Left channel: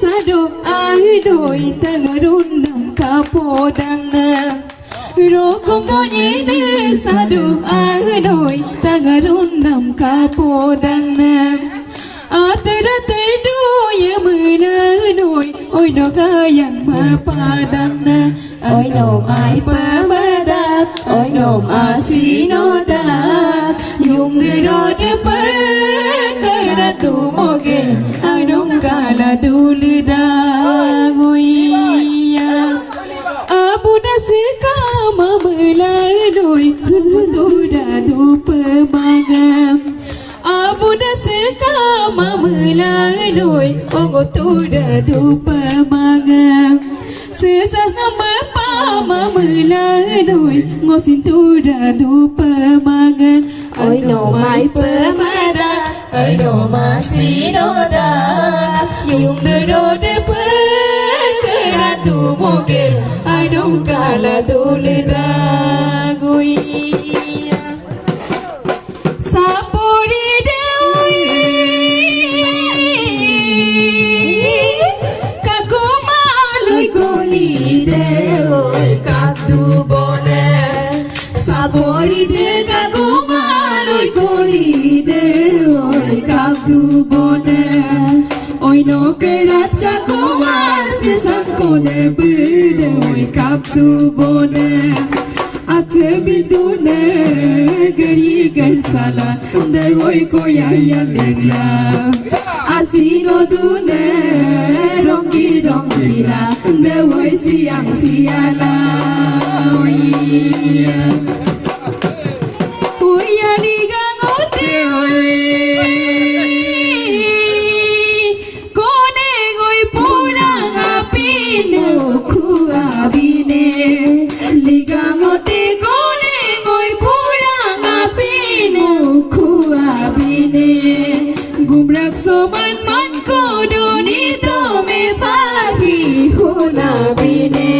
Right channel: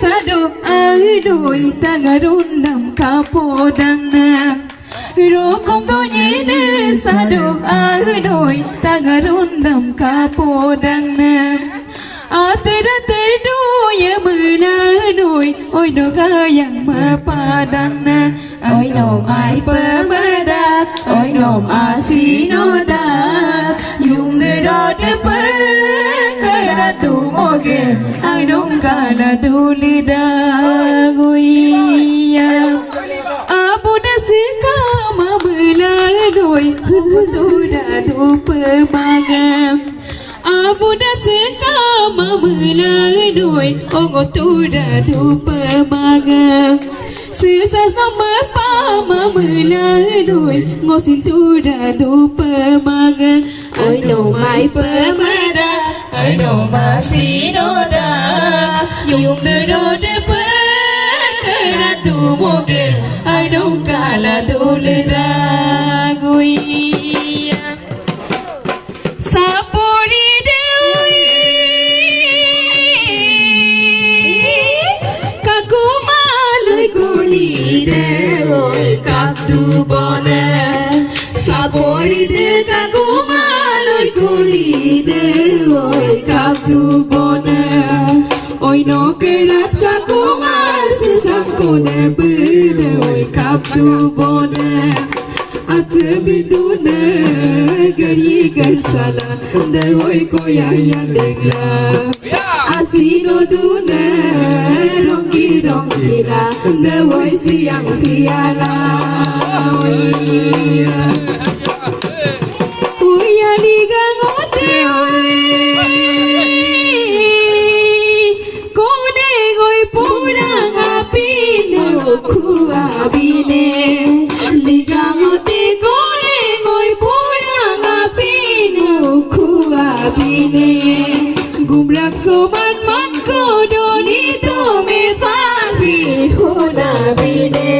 sado ai tangarun nam kapodang na rokom to ne sado ai tangarun nam kapodang na atera te do ye muna noi oi no kayang mapadang na oi nom ai pamadak oi nom asino dak yung do de pa kaya tu moge ai dong kala dulu dak oi ya abu da sika mamela noi tu da du pemaga abu da sika mamela noi ogo tu da du pemaga sesas nama pa mamela noi ngosin tu da du pemaga ai no mai pemada ai no masih noda yung do de pa kaya tu moge ai dong kala dulu dak oi sapori dewi kakumalui kuli dewi kaptu bona sapori de kakumalui kuli dewi kaptu bona oi no keras kakumal sesam kone bedewi kaptu bona Atebidune gari garsala dewoi koyaya degla asino dune rongi la dewoi siang siala oya liga ngote kone goi pura ngapine kuabine liga ngote gumrak soman man ko doni to me pagi huna bine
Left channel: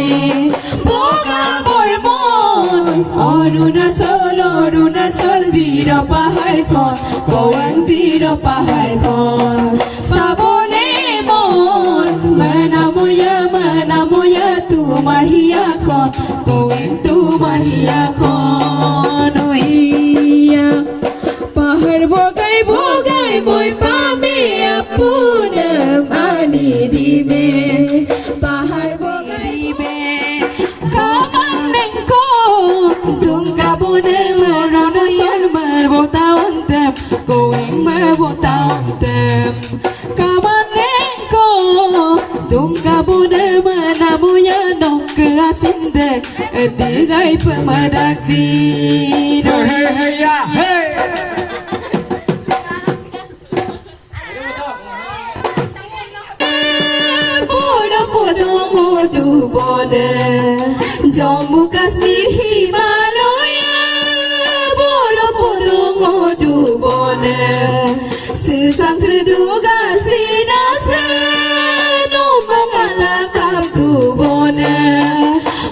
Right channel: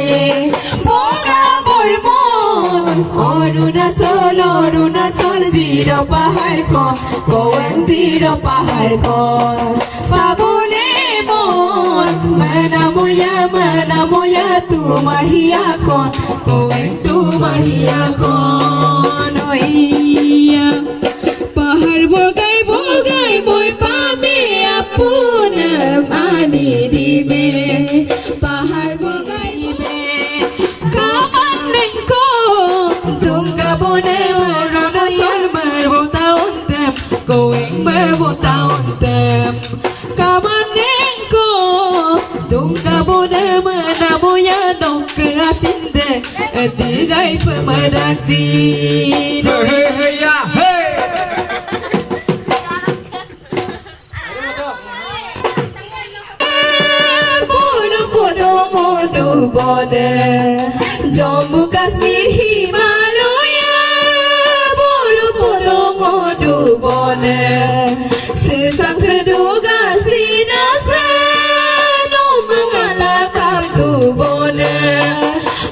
boga bormon oruna sol zero pahar kon goang zero pahar kon sabole mon mana moya tu mahia kon goang tu mahia kon oia pahar bogai boy pame apuna mani di me pahar bogai me kaman ko tum kabune rana sol mar botaun tem going mar botaun tem kaman ko tum kabune mana moya dong ke asinde digai pemadaji hey ya hey modu bone Jammu Kashmir Himalaya bolo podo modu bone sesang seduga sinasa no mangala kaptu bone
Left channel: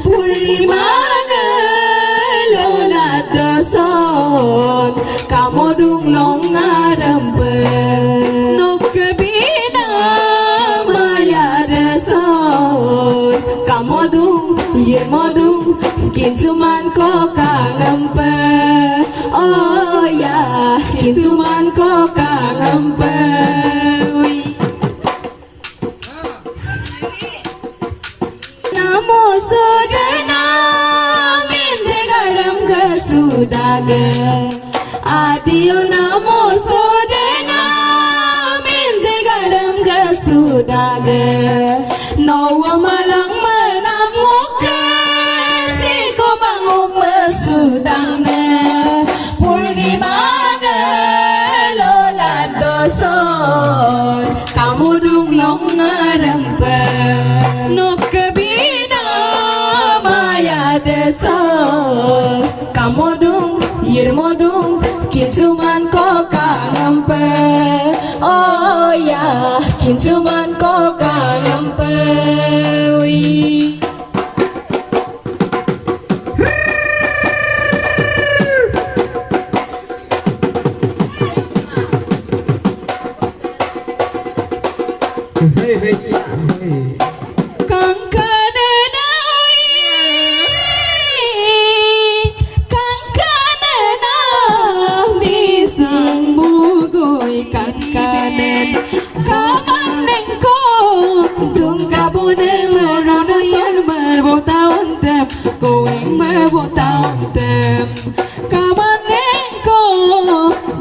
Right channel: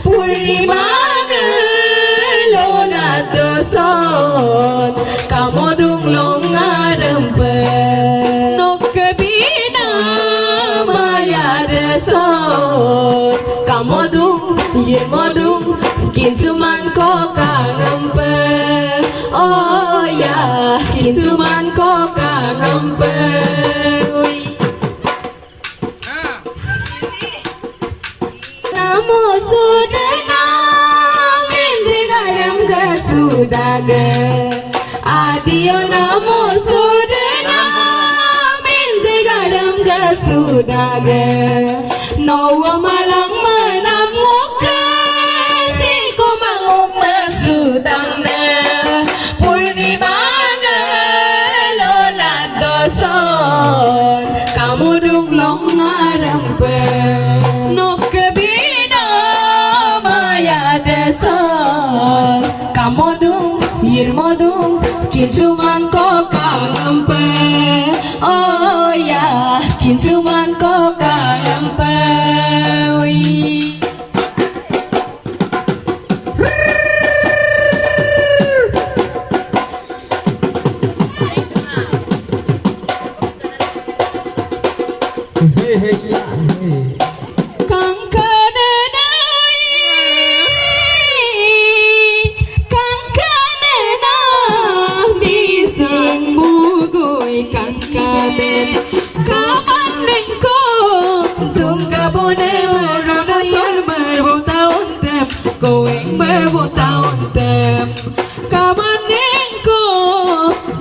purnima lola doson kamodung longadampe nokabina maya deson kamodung yemodung kinsuman ko kangampe oh ya kinsuman ko kangampe namo sudana menje garam gasudage adio namo sudana menje garam gasudage no malang menang muka si ko mangum mesudang ne purnima lola doson kamu dung long ngarampe no kebina maya deson kamu dung yirmodung kinsuman ko kangampe oh ya kinsuman ko kangampe hey, hey. Kang kananay Kang kanana Bisang mugoy Kang kanan Kamaneng ko Dung kabune Ranayan Marbong taon tem Going marbong taon tem Kamaneng ko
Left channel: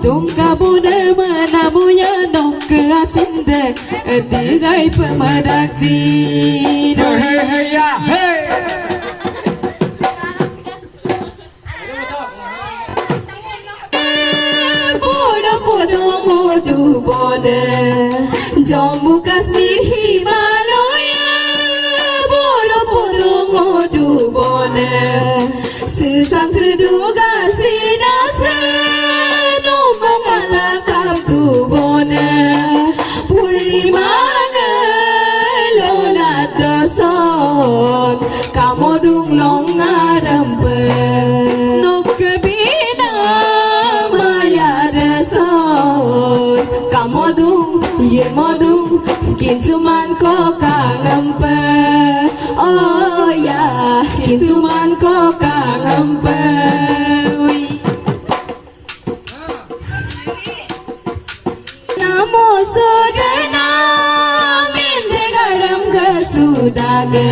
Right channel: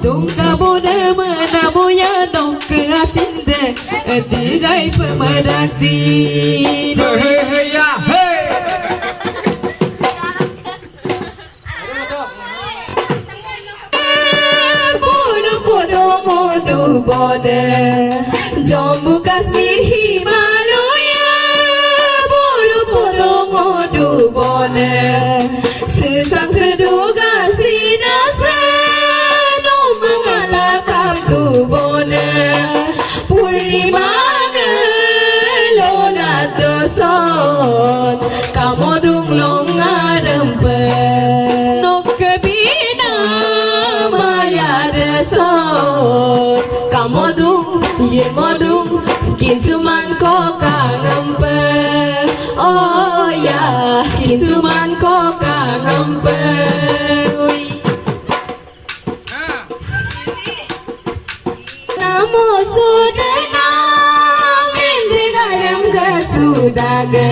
Dung kabune Menabuya Nong keasinde Tigai pemadak Cina Hey hey ya hey. Bodo bodo modu bone Jammu Kashmir Himalaya Bodo bodo modu bone Sesang seduga sinasa No mangala kaptu bone Purnima lola doson Kamu dung long ngarempe Nok kebina maya deson Kamu dung ye modung Kin suman ko kangempe Oh ya kin suman ko kangempe Namo sodana menje garam gasudage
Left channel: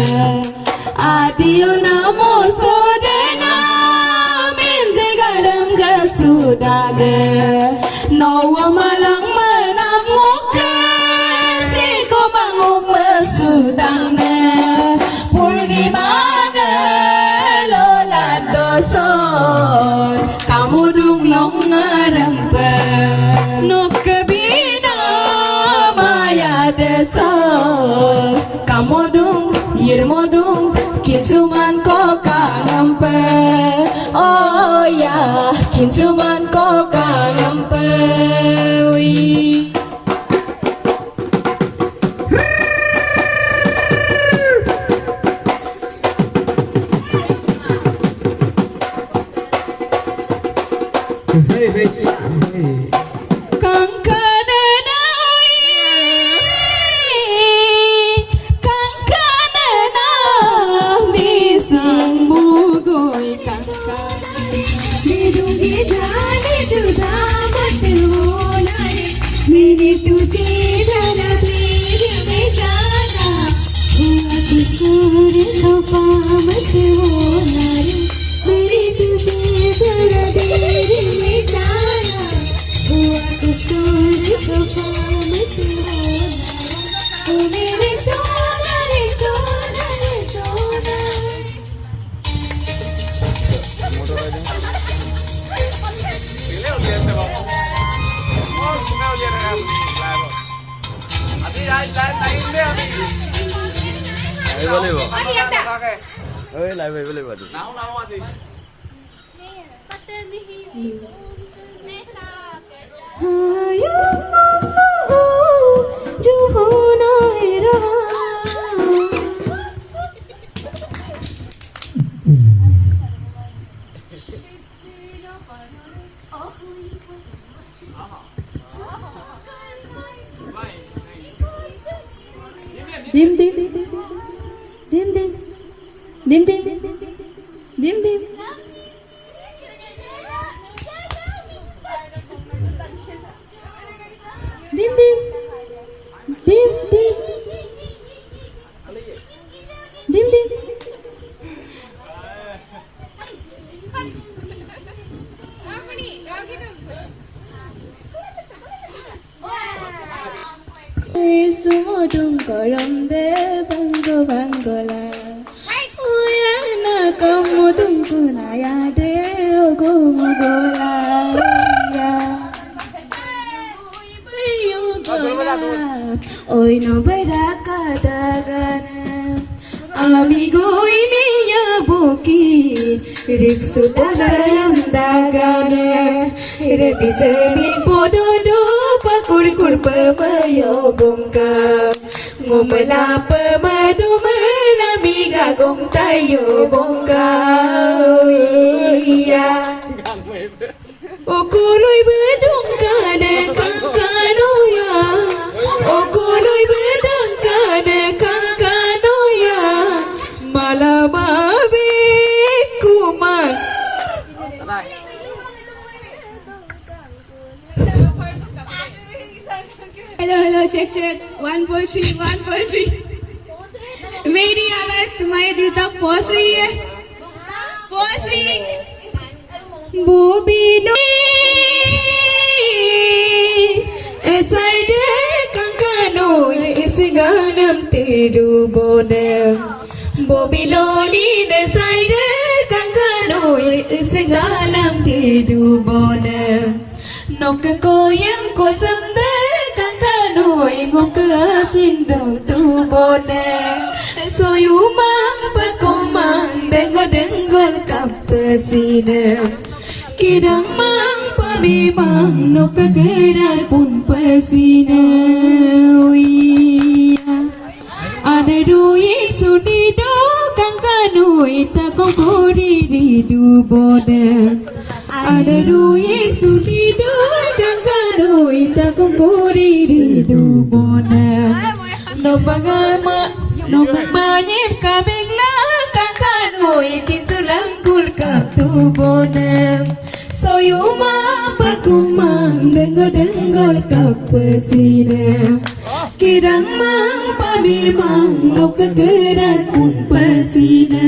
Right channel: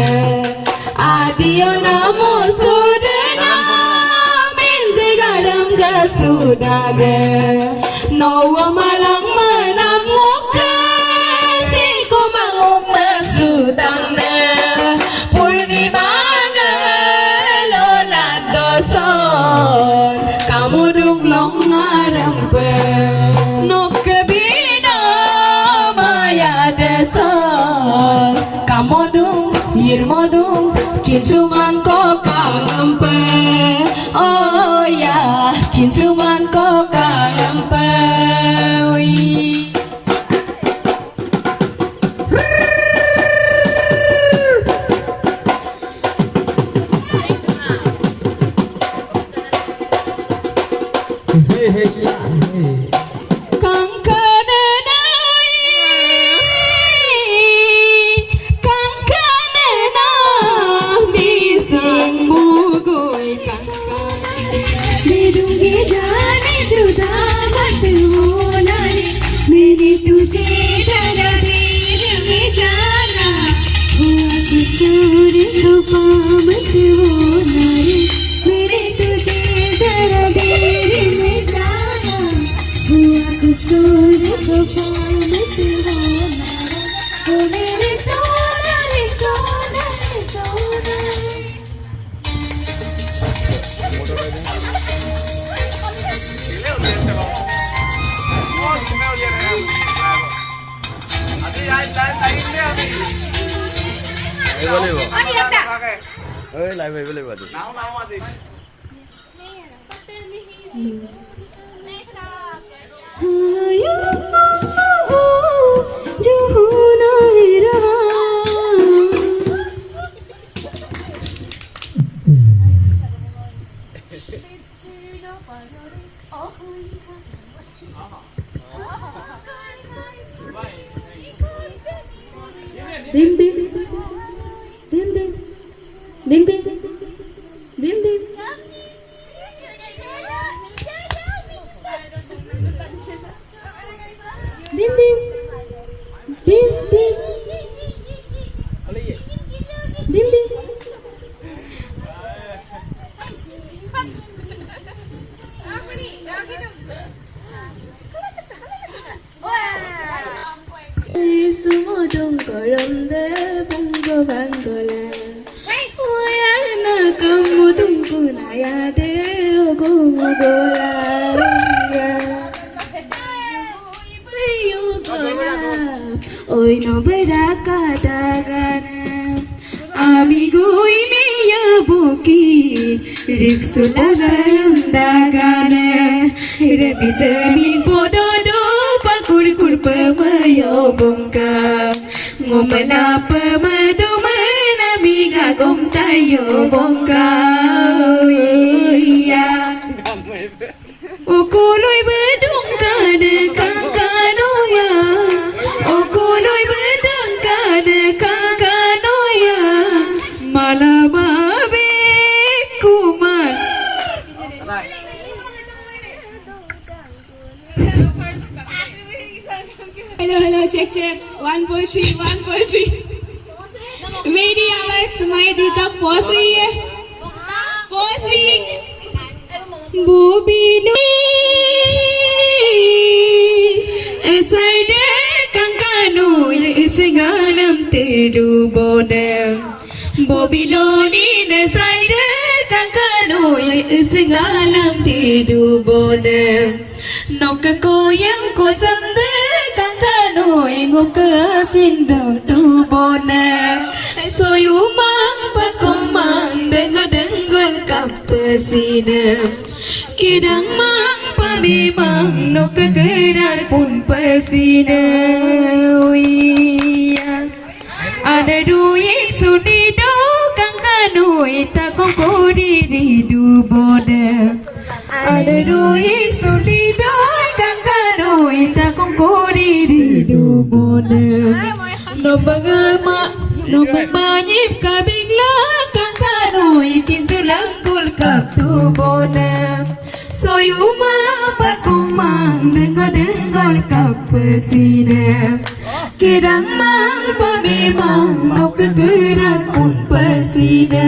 Adio namo sodana menje garam gasudage Nawa malang menang muka Siko mangum mesudangna Purnima lola doson Kamu dung long ngarempe Nok kebina maya deson Kamu dung yirmodung Kinsuman ko kangampe Oh ya kinsuman ko kangampe Hey hey ya hey. Kang kananay Kang kanana Bisang mugoy Kang kanana दूंगी जाने जुदा मत होना रे मैंने तुझे जरा देने जाना हुआ किशोर खफा मत होना रे मैंने तुझे जरा देने जाना हुआ किशोर खफा मत होना रे मेरे सोना रे सोना रे सोना Leo dia sebab. Oh, kau dia nak live. Abi lain dia abi. boleh ba? Okay. Oi, live boleh ba tu? Now abi. जो होना ही रहा dim dim dim dim dim dim dim dim dim dim dim dim dim dim dim Sumodung koram de bango bangola Oya na kamu tungku na ya de ogo mogola ya Ayo gola Oy no beraka dagana Amigo ini ya boki Riksu dalam dagana Repi cermin pododo pakur kurpa mayo bongka Ngumala pemadu menamiga gom tayo bongka Iya Ukuloy bedung kana kang kanuya Ukuloy bedung kana check. 1.3. मेरी आवाज तुम्हारे दिल तक पहुंच रही है? पहुंच रही? बोबिनो esade kankano isingalam terubone bobiloni esade kankano isingalam terubone nokkoyam kosanda kankano ngokasinda tubone soyumang pakumang denggol kapasine kidamang pamimang nokkeran pun pasina ada duit sudido kangkano itakoko diri dubona ada duit sudido kangkano itakoko diri dubona no manyip kabingla kangkano ikin tulangkul kap tubona soyuma pakumang denggol kapasina kidang mang pamimang nokkeran pun pasina